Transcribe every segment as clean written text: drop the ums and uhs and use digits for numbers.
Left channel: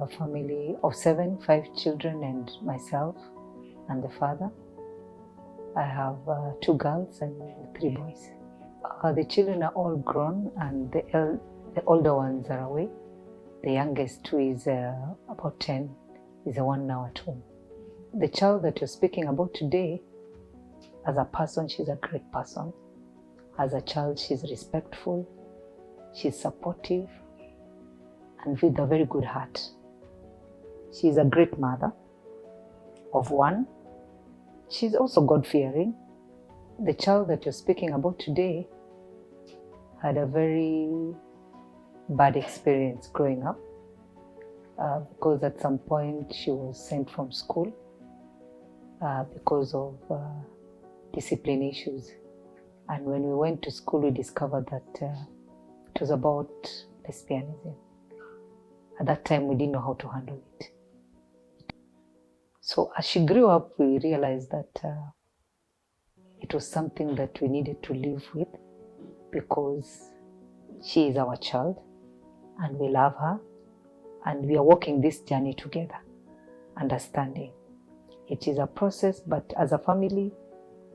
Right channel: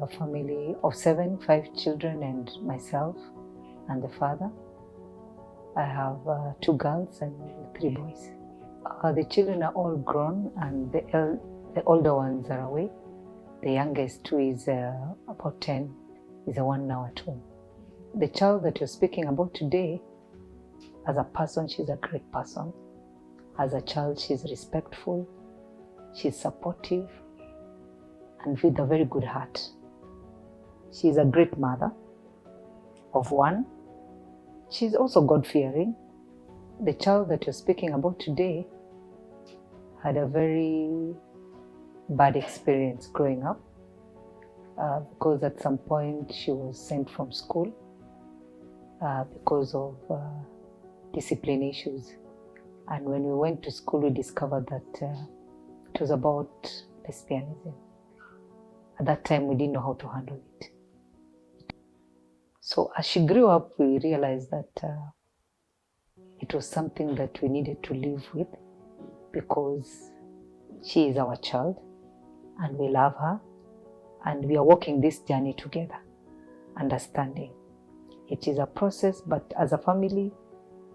have a family of 7, 5 children and myself and the father. I have 2 girls and 3 boys. The children are all grown and the older ones are away. The youngest, who is about 10, is the one now at home. The child that you're speaking about today, as a person, she's a great person. As a child, she's respectful, she's supportive, and with a very good heart. She's a great mother of 1. She's also God-fearing. The child that you're speaking about today had a very bad experience growing up because at some point she was sent from school because of discipline issues. And when we went to school, we discovered that it was about lesbianism. At that time, we didn't know how to handle it. So as she grew up, we realized that it was something that we needed to live with because she is our child and we love her and we are walking this journey together, understanding. It is a process, but as a family,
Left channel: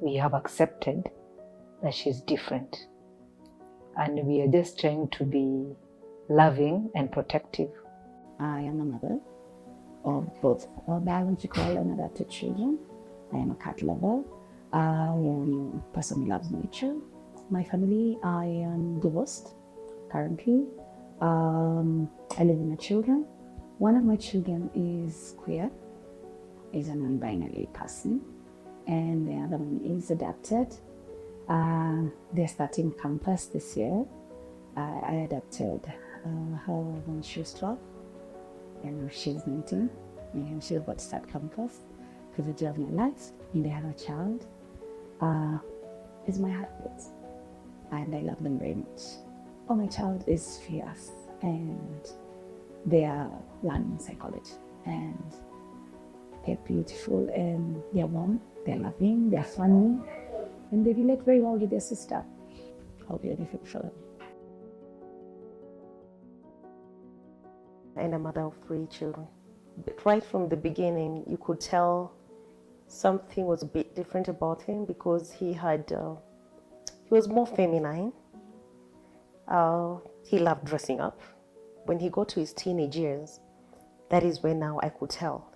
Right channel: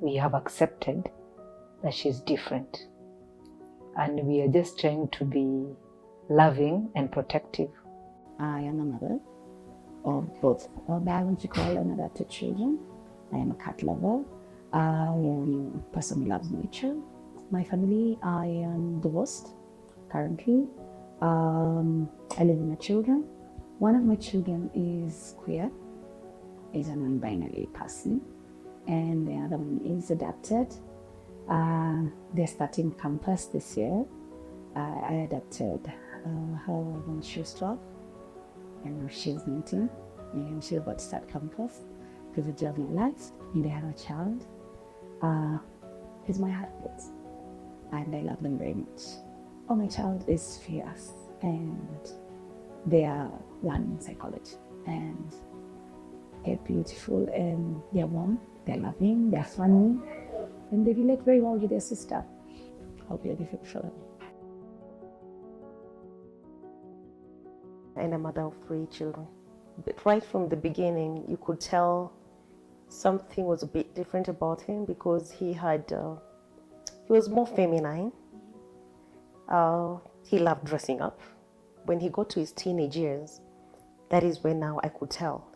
we have accepted that she's different. And we are just trying to be loving and protective. I am a mother of both biological and adopted children. I am a cat lover. I am a person who loves nature. My family, I am divorced currently. I live with my children. One of my children is queer, is a non-binary person, and the other one is adopted. They're starting campus this year. I adopted her when she was 12, and now she's 19, and she's about to start campus because the joy of my life, and I have a child. Is my heartbeat, and I love them very much. Oh, my child is fierce, and they are learning psychology, and they're beautiful, and they're warm, they're loving, they're funny, and they relate very well with their sister. How beautiful for them. And a mother of 3 children. But right from the beginning, you could tell something was a bit different about him because he was more feminine. He loved dressing up. When he got to his teenage years, that is when now I could tell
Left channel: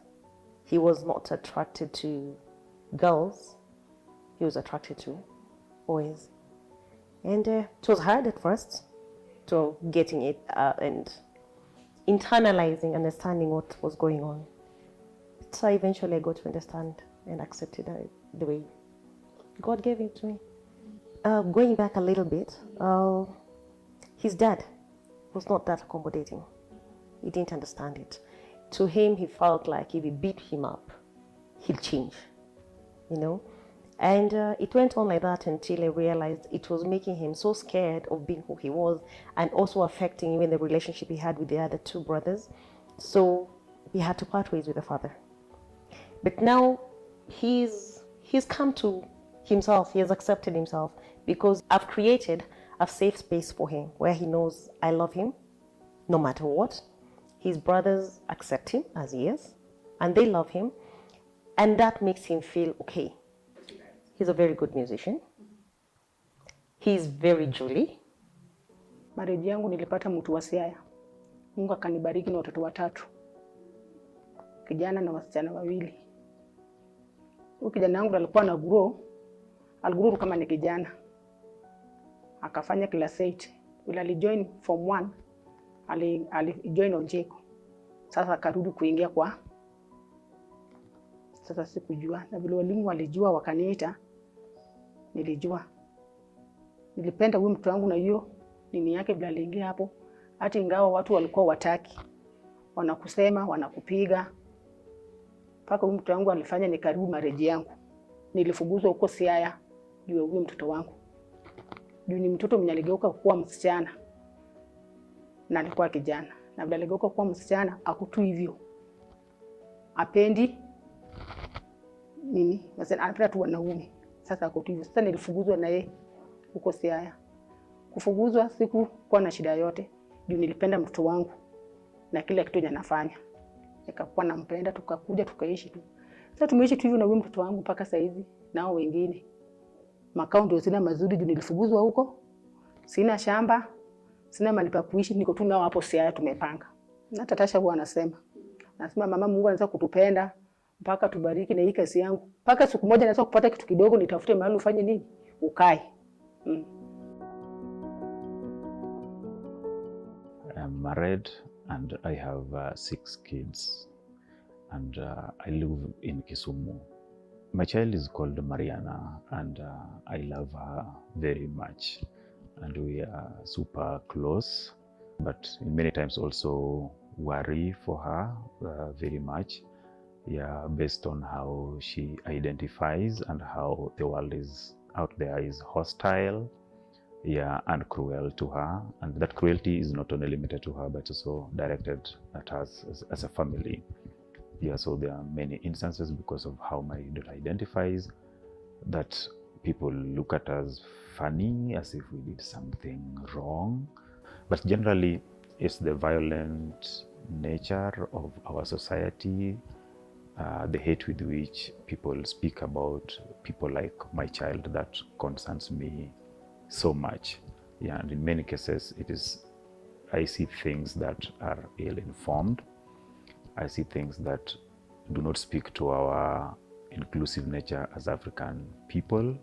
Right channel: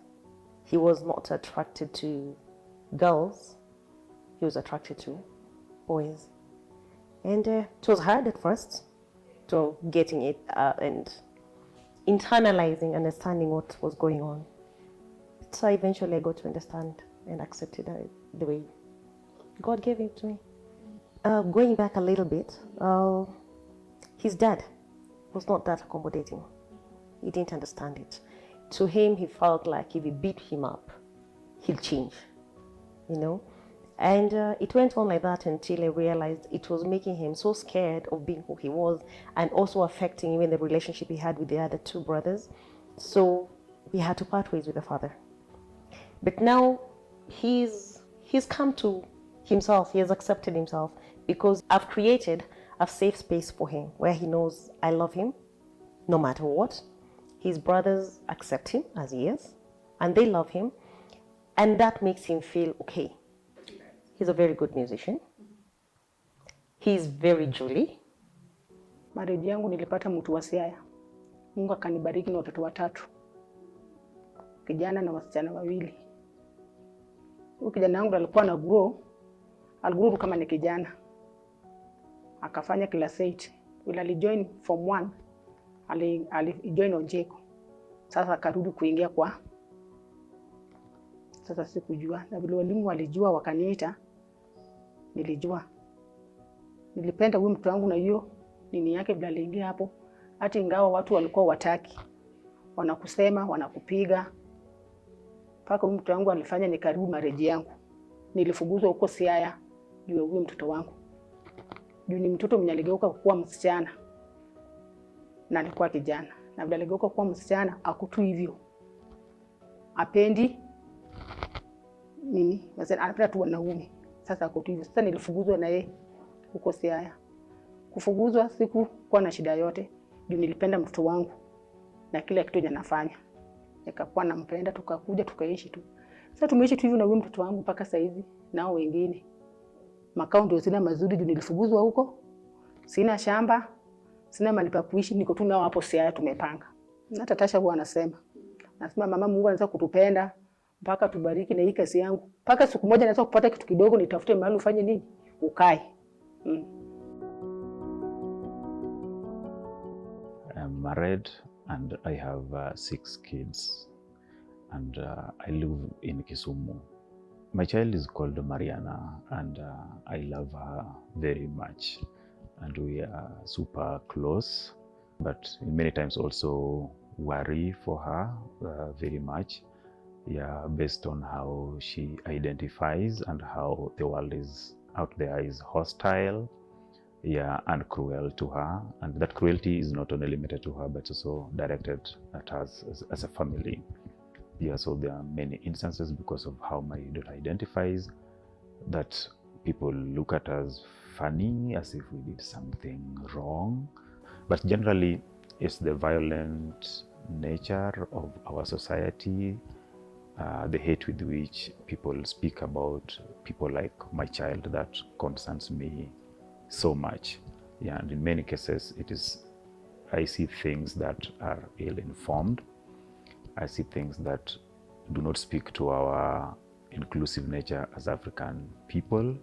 he was not attracted to girls. He was attracted to boys. And it was hard at first to getting it and internalizing, understanding what was going on. So eventually I got to understand and accepted the way God gave it to me. Going back a little bit, his dad was not that accommodating. He didn't understand it. To him, he felt like if we beat him up, he'll change, And it went on like that until I realized it was making him so scared of being who he was and also affecting even the relationship he had with the other 2 brothers. So he had to part ways with the father. But now he's come to himself. He has accepted himself because I've created a safe space for him where he knows I love him no matter what. His brothers accept him as he is and they love him, and that makes him feel okay. He's a very good musician. He's very jolly. Marriage yangu nilipata mtu wa Siaya. Mungu akanibariki na watoto 3. Kijana na wasichana 2. Huyu kijana wangu alikuwa na aligrow kama ni kijana. Akafanya class 8. Ila alijoin form 1. Alijoin Ojeko. Sasa akarudi kuingia kwa. Sasa sikujua. Na vile walimu walijua wakaniita. Nilijua. Nilipenda huyu mtu wangu na hiyo nini yake vile aliingia hapo. Hata ingawa watu walikuwa wataki. Wanakusema, wanakupiga. Paka huyu mtu wangu alifanya nikaribu marriage yangu. Nilifukuzwa huko Siaya juu ya huyu mtoto wangu. Ni mtoto mwenye aligeuka kuwa msichana. Na alikuwa kijana. Na vile aligeuka kuwa msichana akutu hivyo. Apendi nini? Sasa anapenda tu wanaume. Sasa akutu hivyo. Sasa nilifukuzwa na yeye huko Siaya. Kufukuzwa siku kwa na shida yote. Juu nilipenda mtoto wangu na kila kitu ninafanya. nikakuwa nampenda, tukakuja tukaishi tu. Sasa tumeishi tu hivyo na huyu mtoto wangu mpaka saa hizi. Nao wengine makao ndio sina mazuri, nilifukuzwa huko, sina shamba, sina mahali pa kuishi, niko tu nao hapo Siaya tumepanga. Hata Tasha huwa anasema mama, Mungu anaweza kutupenda mpaka tubariki na hii kazi yangu, mpaka siku moja naweza kupata kitu kidogo nitafute mahali ufanye nini ukae. I am married and I have 6 kids, and I live in Kisumu. My child is called Mariana, and I love her very much, and we are super close, but many times also worry for her very much, based on how she identifies and how the world is out there is hostile, and cruel to her, and that cruelty is not only limited to her but also directed at us as a family. So there are many instances because of how my daughter identifies that people look at us funny, as if we did something wrong, but generally it's the violent nature of our society, the hate with which people speak about people like my child, that concerns me so much. And in many cases I see things that are ill-informed. I see things that do not speak to our inclusive nature as African people.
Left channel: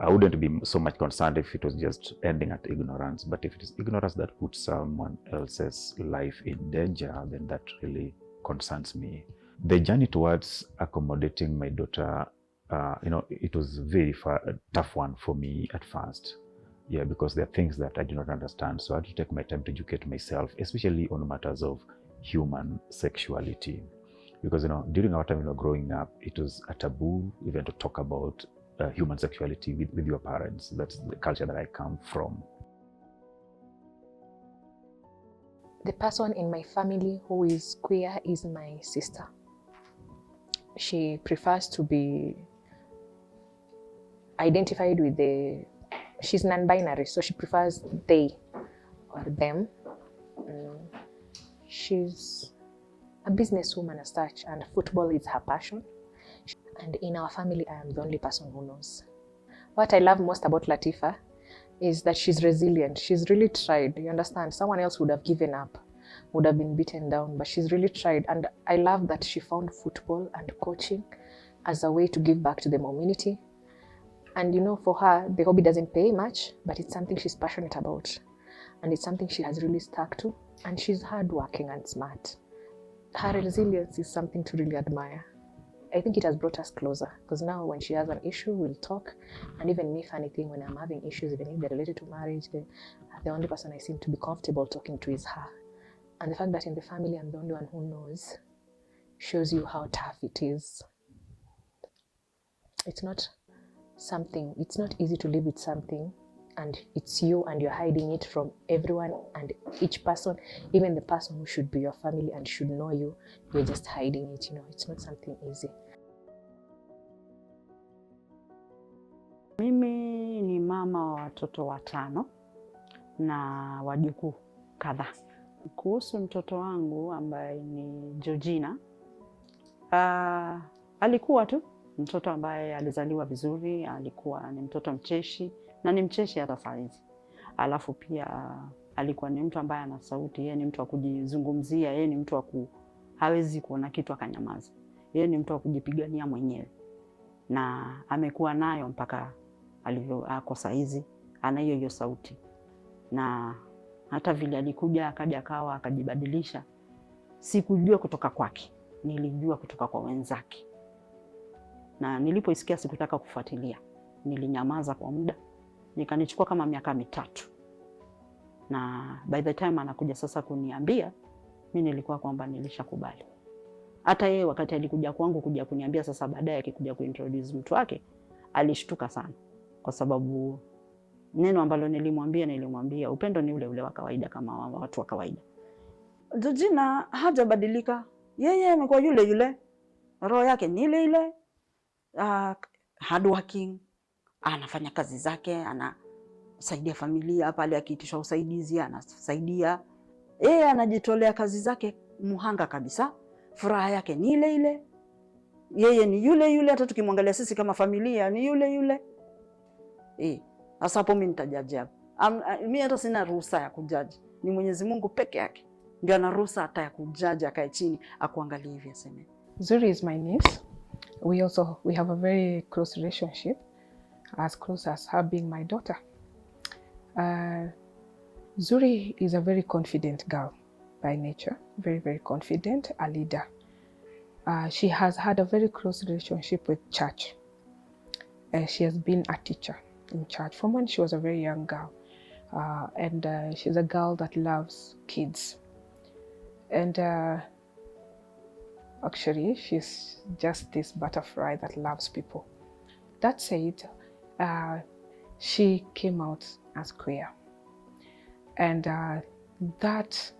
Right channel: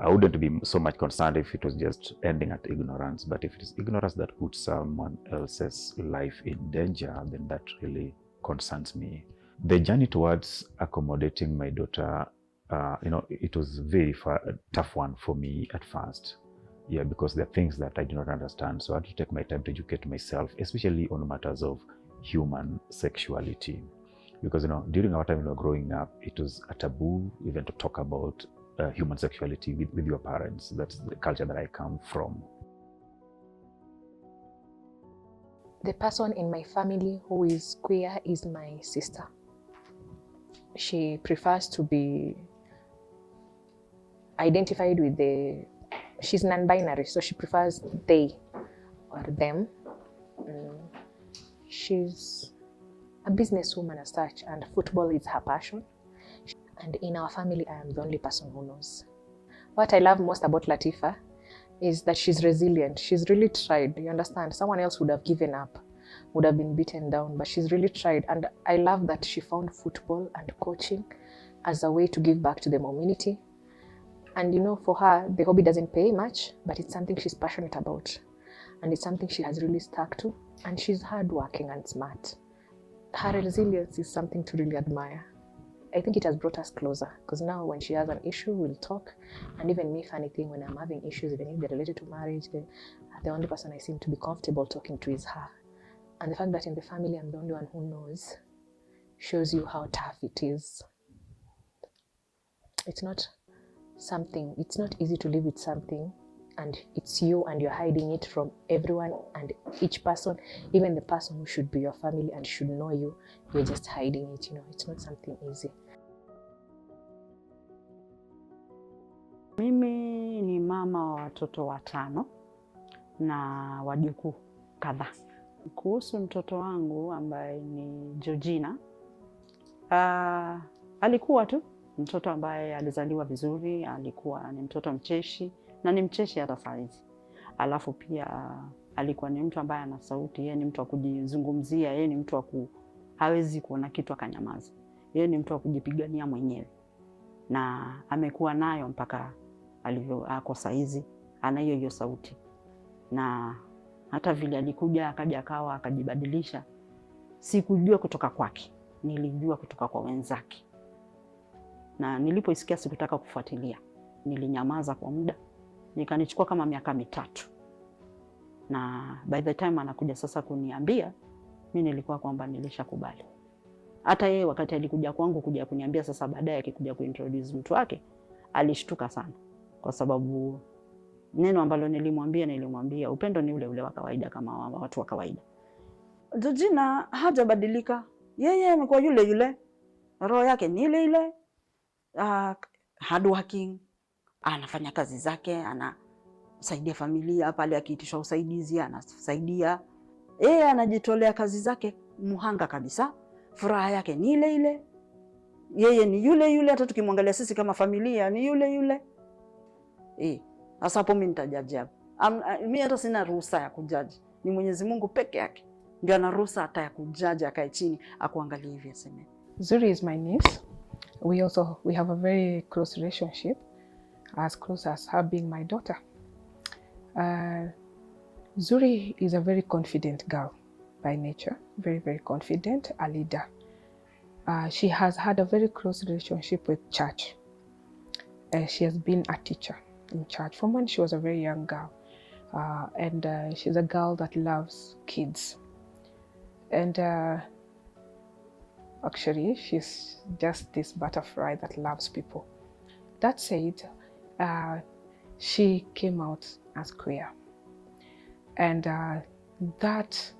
I wouldn't be so much concerned if it was just ending at ignorance, but if it is ignorance that puts someone else's life in danger, then that really concerns me. The journey towards accommodating my daughter, it was a tough one for me at first. Because there are things that I do not understand. So I had to take my time to educate myself, especially on matters of human sexuality. Because, during our time when we were growing up, it was a taboo even to talk about human sexuality with your parents. That's the culture that I come from. The person in my family who is queer is my sister. She prefers to be identified with she's non-binary, so she prefers they or them. She's a businesswoman as such, and football is her passion. And in our family, I am the only person who knows. What I love most about Latifa is that she's resilient. She's really tried. You understand? Someone else would have given up, would have been beaten down, but she's really tried. And I love that she found football and coaching as a way to give back to the community. And for her, the hobby doesn't pay much, but it's something she's passionate about. And it's something she has really stuck to. And she's hardworking and smart. Her resilience is something to really admire. I think it has brought us closer, because now when she has an issue, we'll talk. And even me, funny thing, when I'm having issues, even if they're related to marriage, the only person I seem to be comfortable talking to is her. And the fact that in the family I'm the only one who knows shows you how tough it is. It's not easy to live with something, and it's you, and you're hiding it from everyone and each person, even the person who should be your family and should know you, you're just hiding it. It's not something easy. Mimi ni mama wa watoto 5 na wajukuu kadhaa. Kuhusu mtoto wangu ambaye ni Georgina, alikuwa tu mtoto ambaye alizaliwa vizuri, alikuwa ni mtoto mcheshi na ni mcheshi hata saizi. Alafu pia alikuwa ni mtu ambaye ana sauti, yeye ni mtu wa kujizungumzia, yeye ni mtu wa hawezi kuona kitu akanyamaza. Yeye ni mtu wa kujipigania mwenyewe. Na amekuwa nayo mpaka alivyoako saizi, ana hiyo sauti. Na hata vile alikuja akaja akawa akajibadilisha, sikujua kutoka kwake, nilijua kutoka kwa wenzake. Na nilipoisikia sikutaka kufuatilia, nilinyamaza kwa muda, nikanichukua kama miaka 3. Na by the time anakuja sasa kuniambia, mimi nilikuwa kwamba nilishakubali. Hata yeye wakati alikuja kwangu kuja kuniambia sasa, baadaye akikuja kuintroduce mtu wake, alishtuka sana, kwa sababu neno ambalo nilimwambia upendo ni ule ule wa kawaida kama watu wa kawaida. Georgina hajabadilika, yeye amekuwa yule yule, roho yake ni ile ile, hard working, anafanya kazi zake, anasaidia familia pale akiitishwa usaidizi, anasaidia. Anajitolea kazi zake muhanga kabisa, furaha yake ni ile ile, yeye ni yule yule, hata tukimwangalia sisi kama familia ni yule yule. Sasa hapo mimi nitajaji hapo. Mimi hata sina ruhusa ya kujaji, ni Mwenyezi Mungu peke yake ndio ana ruhusa hata ya kujaji, akae chini akuangalie hivi aseme. Zuri is my niece. We have a very close relationship, as close as her being my daughter. Zuri is a very confident girl by nature, very, very confident, a leader. She has had a very close relationship with church. She has been a teacher in church from when she was a very young girl. And she's a girl that loves kids. And actually, she's just this butterfly that loves people. That said, she came out as queer. And that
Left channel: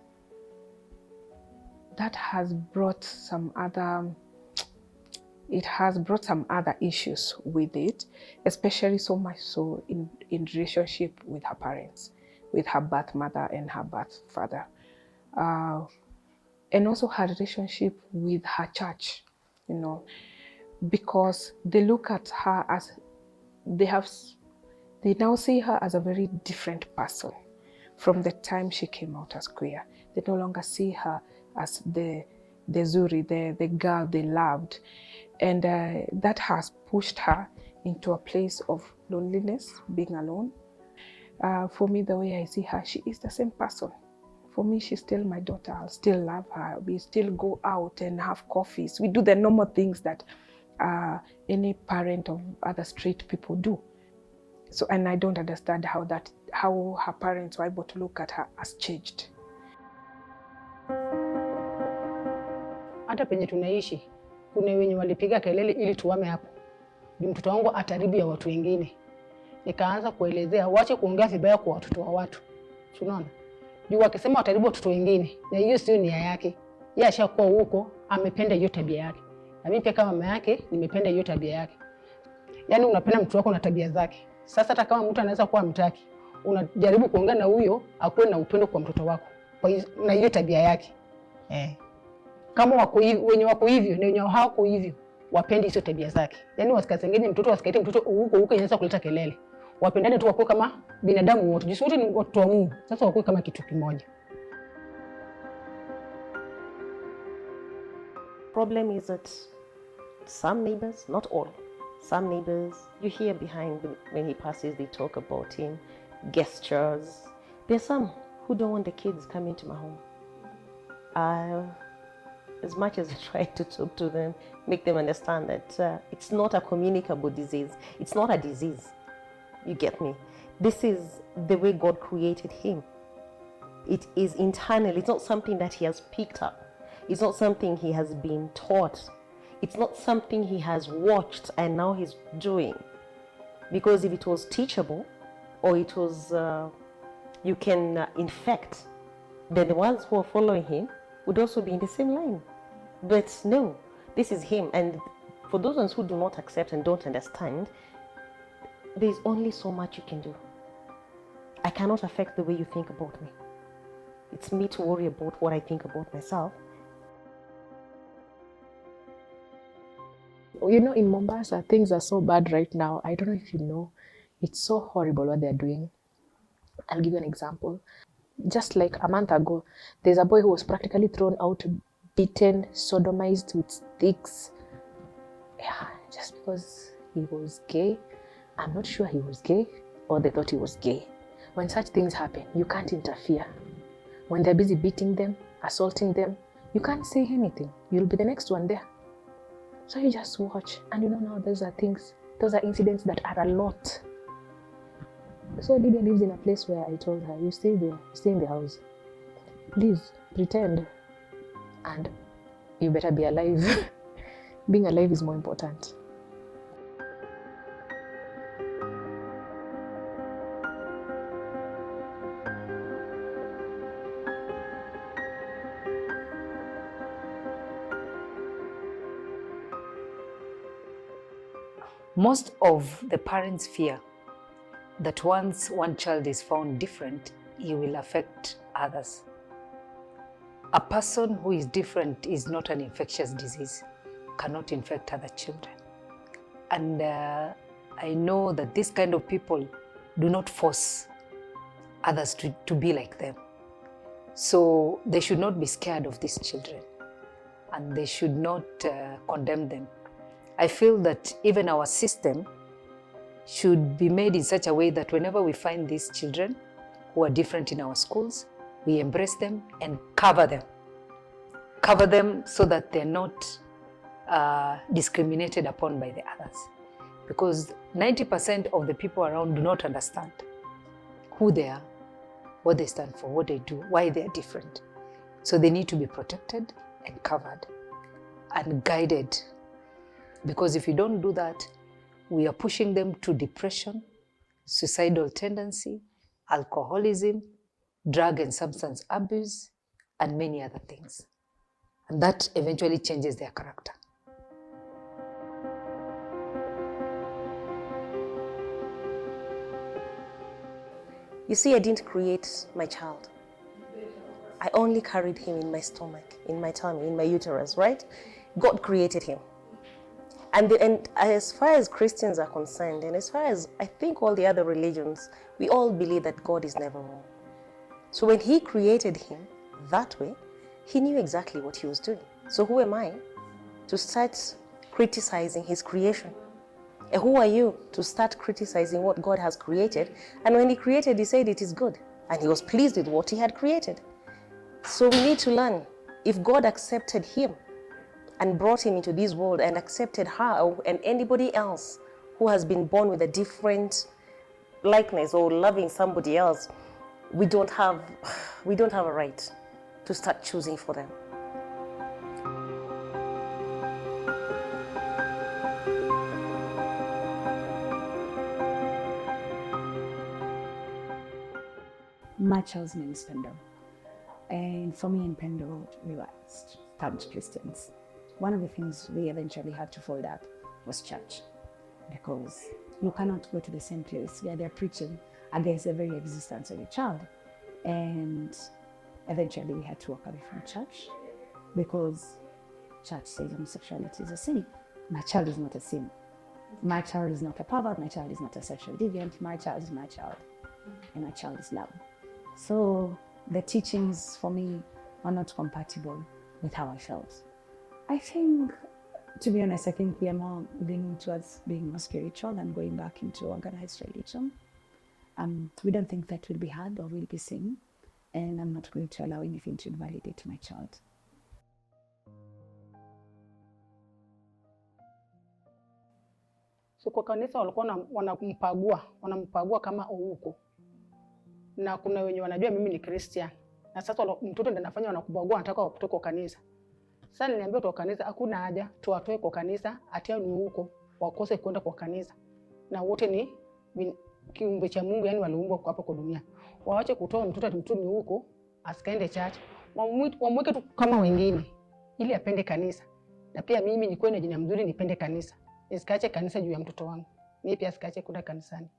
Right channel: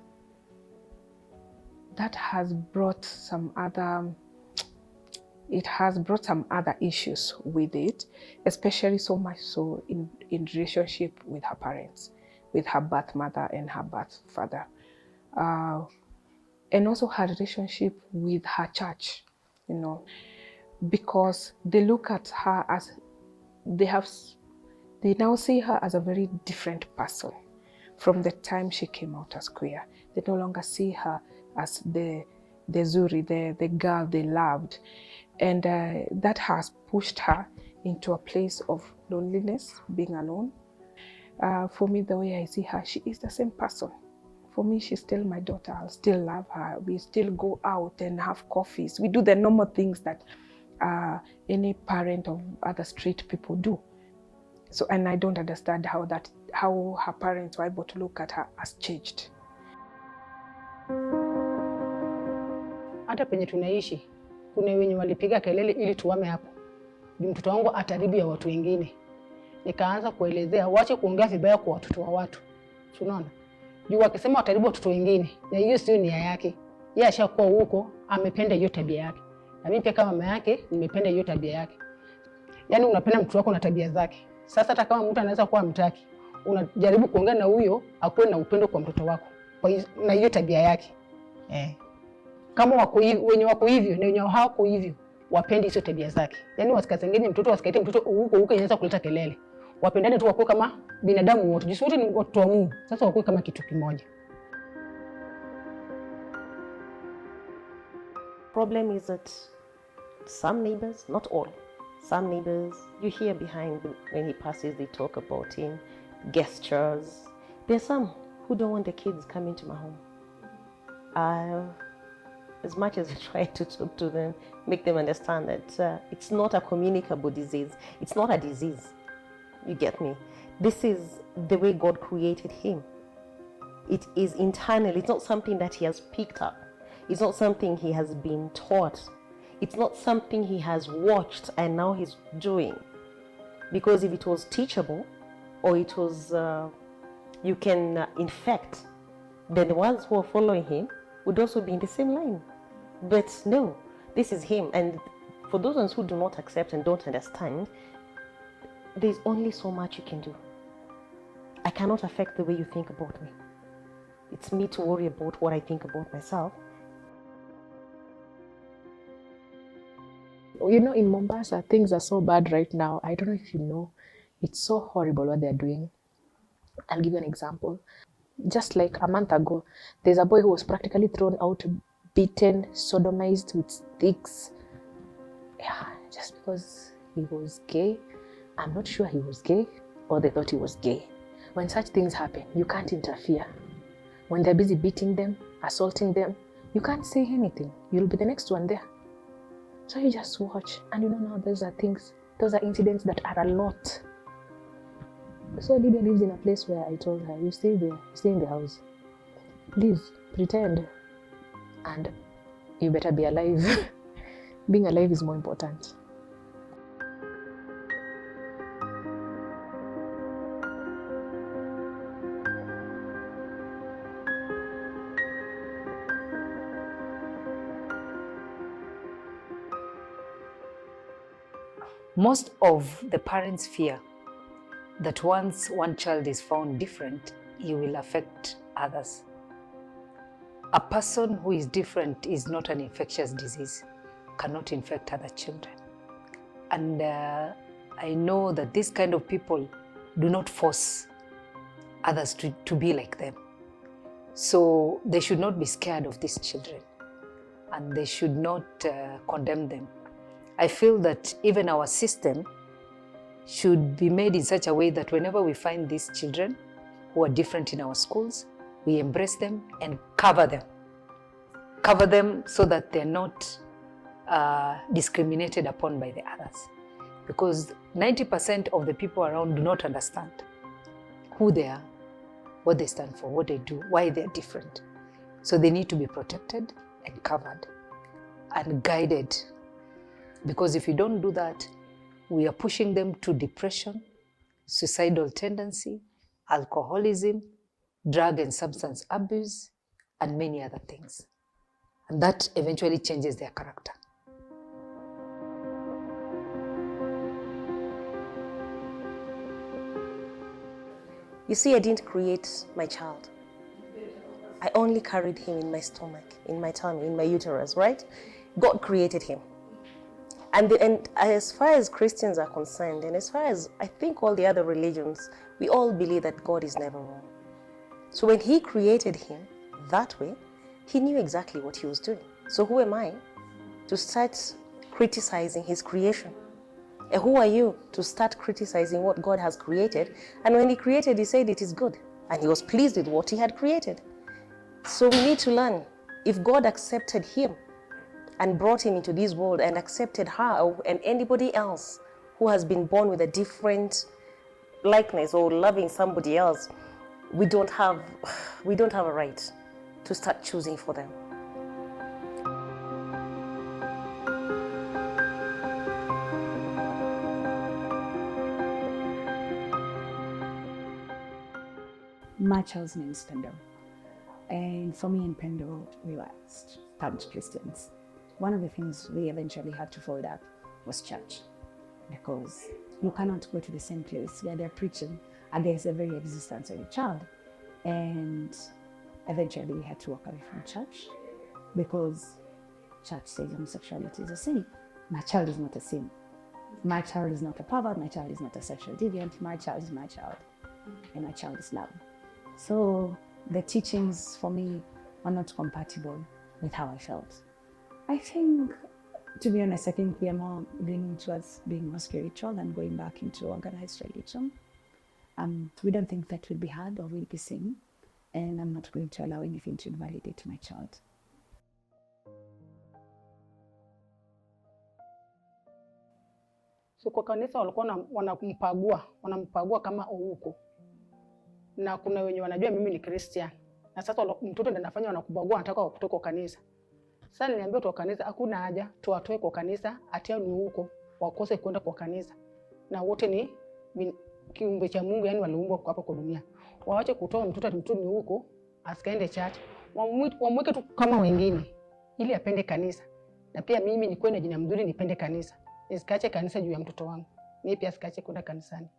has brought some other issues with it, especially so much so in relationship with her parents, with her birth mother and her birth father, and also her relationship with her church, because they look at her as they now see her as a very different person from the time she came out as queer. They no longer see her as the Zuri, the girl they loved. And that has pushed her into a place of loneliness, being alone. For me, the way I see her, she is the same person. For me, she's still my daughter. I'll still love her. We still go out and have coffees. We do the normal things that any parent of other straight people do. So, and I don't understand how her parents were able to look at her as changed. Hata penye tunaishi kuna wenye walipiga kelele ili tuame hapo. Ni mtoto wangu ataribu ya watu wengine. Nikaanza kuelezea waache kuongea vibaya kwa watoto wa watu. Unaona? Juu akasema ataribu watoto wengine. Na hiyo sio nia yake. Yeye ashakuwa huko, amependa hiyo tabia yake. Na mimi kama mama yake nimependa hiyo tabia yake. Yaani unapenda mtu wako na tabia zake. Sasa hata kama mtu anaweza kuwa mtaki, unajaribu kuongea na huyo akuwe na upendo kwa mtoto wako. Na hiyo tabia yake. Kama wako hivi, wenye wako hivyo na wenye hawako hivyo, wapende hizo tabia zake. Yaani wasikazengine mtoto wasikaite mtoto huko inaweza kuleta kelele. Wapendane tu wako kama binadamu wote. Jisi wote ni watu wa Mungu. Sasa wako kama kitu kimoja. Problem is that some neighbors, not all, some neighbors, you hear behind when he passes, they talk about him, gestures. There's some who don't want the kids coming to my home. As much as I try to talk to them, make them understand that it's not a communicable disease. It's not a disease. You get me? This is the way God created him. It is internal. It's not something that he has picked up. It's not something he has been taught. It's not something he has watched and now he's doing. Because if it was teachable, or it was, you can infect, then the ones who are following him would also be in the same line. But no, this is him. And for those ones who do not accept and don't understand, there's only so much you can do. I cannot affect the way you think about me. It's me to worry about what I think about myself. In Mombasa, things are so bad right now. I don't know if you know. It's so horrible what they're doing. I'll give you an example. Just like a month ago, there's a boy who was practically thrown out, beaten, sodomized with sticks. Yeah, just because he was gay. I'm not sure he was gay or they thought he was gay. When such things happen, you can't interfere. When they're busy beating them, assaulting them, you can't say anything. You'll be the next one there. So you just watch, and now those are incidents that are a lot. So Lydia lives in a place where I told her, you stay in the house. Please, pretend. And you better be alive. Being alive is more important. Most of the parents fear that once one child is found different, he will affect others. a person who is different is not an infectious disease, cannot infect other children. And I know that this kind of people do not force others to be like them. So they should not be scared of these children, and they should not condemn them. I feel that even our system should be made in such a way that whenever we find these children who are different in our schools, we embrace them and cover them. Cover them so that they're not discriminated upon by the others. Because 90% of the people around do not understand who they are, what they stand for, what they do, why they're different. So they need to be protected and covered and guided. Because if we don't do that, we are pushing them to depression, suicidal tendency, alcoholism, drug and substance abuse, and many other things. And that eventually changes their character. You see, I didn't create my child. I only carried him in my stomach, in my tummy, in my uterus, right? God created him. And as far as Christians are concerned, and as far as I think all the other religions, we all believe that God is never wrong. So when he created him that way, he knew exactly what he was doing. So who am I to start criticizing his creation? And who are you to start criticizing what God has created? And when he created, he said it is good. And he was pleased with what he had created. So we need to learn, if God accepted him and brought him into this world and accepted her and anybody else who has been born with a different likeness or loving somebody else, we don't have a right to start choosing for them. My child's name is Pendo. And for me in Pendo, we were staunch Christians. One of the things we eventually had to fold up was church. Because you cannot go to the same place where they're preaching against the very existence of your child. And eventually we had to walk away from church because church says homosexuality is a sin. My child is not a sin. My child is not a pervert. My child is not a sexual deviant. My child is my child. And my child is loved. So the teachings for me are not compatible with how I felt. I think, to be honest, I think we are more leaning towards being more spiritual and going back into organized religion. We don't think that will be hard or will be sin, and I'm not going to allow anything to invalidate my child. So kwa kanisa walikuwa wanampagua kama uuko. Na kuna wenye wanajua mimi ni Christian. Na sasa mtoto ndiye anafanya wanakubagua, anataka wakutoe kwa kanisa. Sasa niliambia kwa kanisa hakuna haja tuwatoe kwa kanisa atia ni huko wakose kwenda kwa kanisa. Na wote ni kiumbe cha Mungu, yani waliumbwa kwa hapa kwa dunia. Waache kutoa mtoto ni huko asikaende church. Wamweke tu kama wengine ili apende kanisa. Na pia mimi nikuwe na jina mzuri nipende kanisa. Nisikaache kanisa juu ya mtoto wangu. Mimi pia sikaache kwenda kanisani.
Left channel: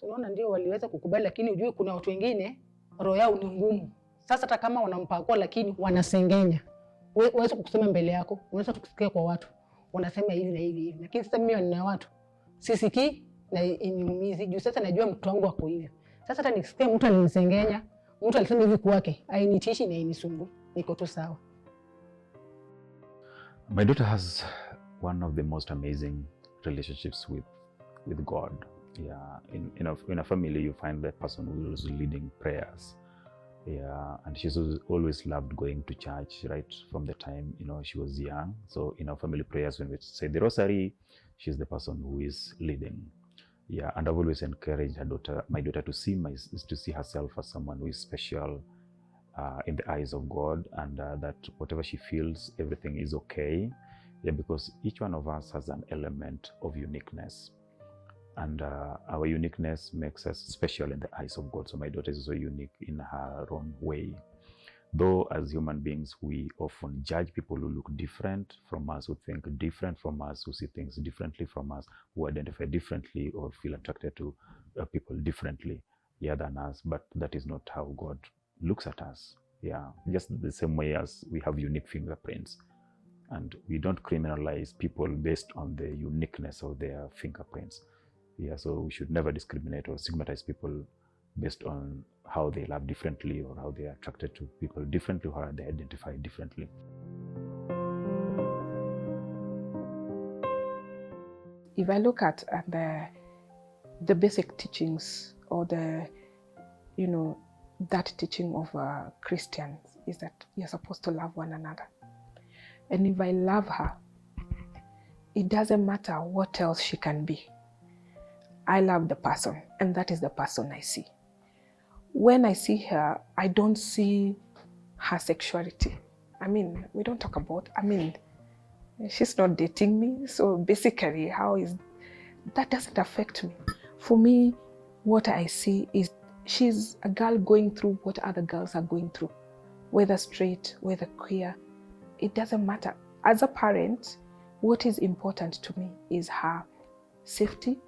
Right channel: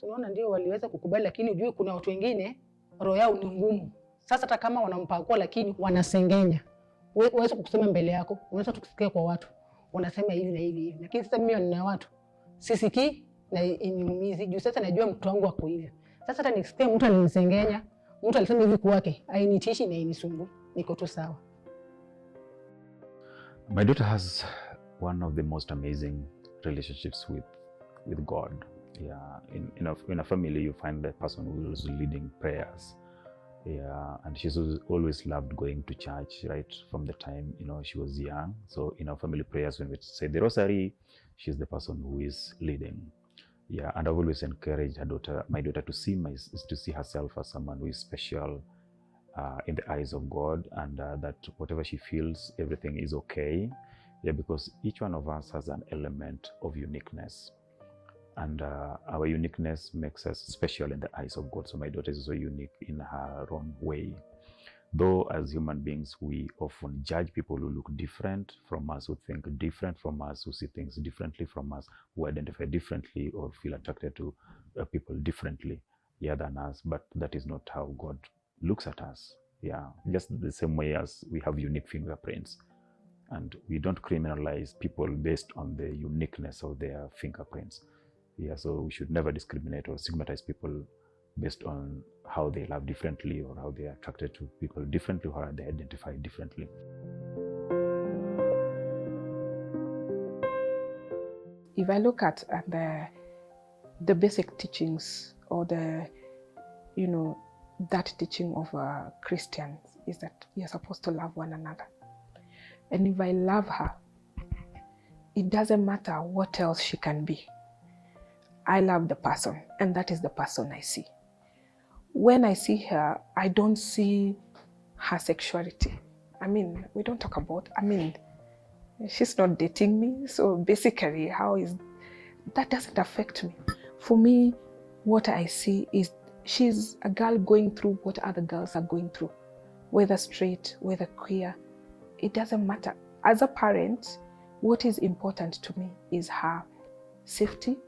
So naona ndio waliweza kukubali, lakini ujue kuna watu wengine roho yao ni ngumu. Sasa hata kama wanampakua lakini wanasengenya. Wewe kusema mbele yako, unaweza tukusikia kwa watu. Unasema hivi na hivi. Lakini sasa mimi nina watu. Sisikii na inimumizi. Juu sasa najua mtu wangu wako hivyo. Sasa hata nikisikia mtu ananisengenya, mtu alisema hivi kwake, hainitishi na inisumbui. Niko tu sawa. My daughter has one of the most amazing relationships with God. Yeah, in a family, you find that person who is leading prayers. Yeah, and she's always loved going to church, right, from the time she was young. So in our family prayers, when we say the rosary, she's the person who is leading. Yeah, and I've always encouraged my daughter to see herself as someone who is special in the eyes of God, and that whatever she feels, everything is okay. Yeah, because each one of us has an element of uniqueness. And our uniqueness makes us special in the eyes of God. So my daughter is so unique in her own way. Though as human beings, we often judge people who look different from us, who think different from us, who see things differently from us, who identify differently or feel attracted to people differently than us. But that is not how God looks at us. Yeah, just the same way as we have unique fingerprints. And we don't criminalize people based on the uniqueness of their fingerprints. Yeah, so we should never discriminate or stigmatize people based on how they love differently or how they are attracted to people differently or how they identify differently. If I look at the basic teachings or that teaching of Christians is that you're supposed to love one another. And if I love her, it doesn't matter what else she can be. I love the person, and that is the person I see. When I see her, I don't see her sexuality. I mean, we don't talk about, she's not dating me, so basically, that doesn't affect me. For me, what I see is she's a girl going through what other girls are going through, whether straight, whether queer, it doesn't matter. As a parent, what is important to me is her safety,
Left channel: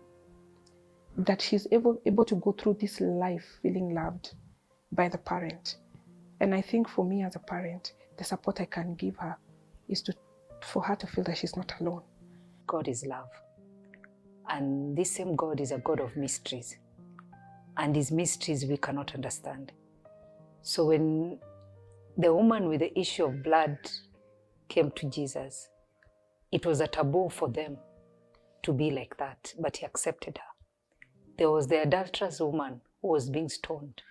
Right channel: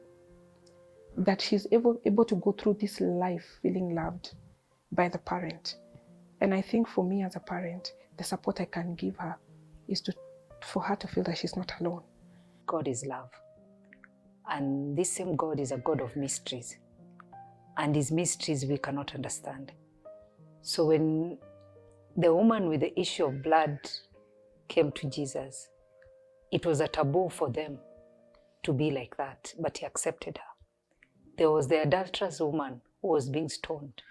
that she's able to go through this life feeling loved by the parent. And I think for me as a parent, the support I can give her is for her to feel that she's not alone. God is love. And this same God is a God of mysteries. And his mysteries we cannot understand. So when the woman with the issue of blood came to Jesus, it was a taboo for them to be like that, but he accepted her. There was the adulterous woman who was being stoned.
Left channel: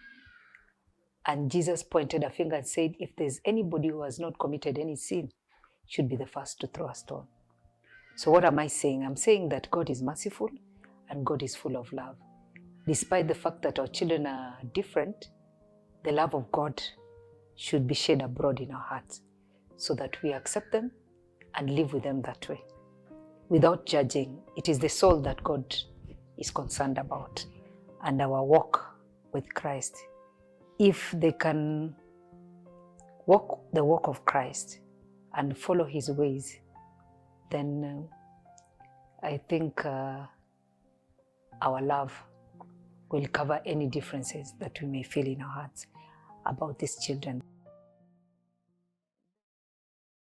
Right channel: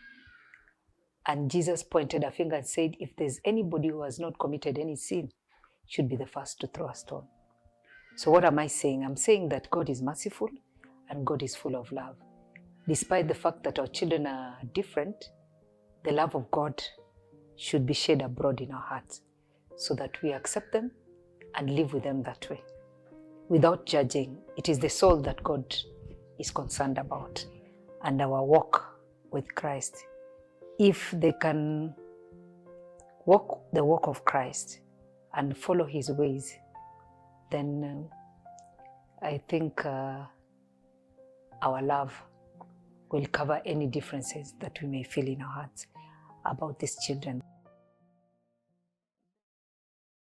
And Jesus pointed a finger and said, if there's anybody who has not committed any sin, should be the first to throw a stone. So what am I saying? I'm saying that God is merciful and God is full of love. Despite the fact that our children are different, the love of God should be shed abroad in our hearts so that we accept them and live with them that way. Without judging, it is the soul that God is concerned about, and our walk with Christ. If they can walk the walk of Christ and follow his ways, then I think our love will cover any differences that we may feel in our hearts about these children.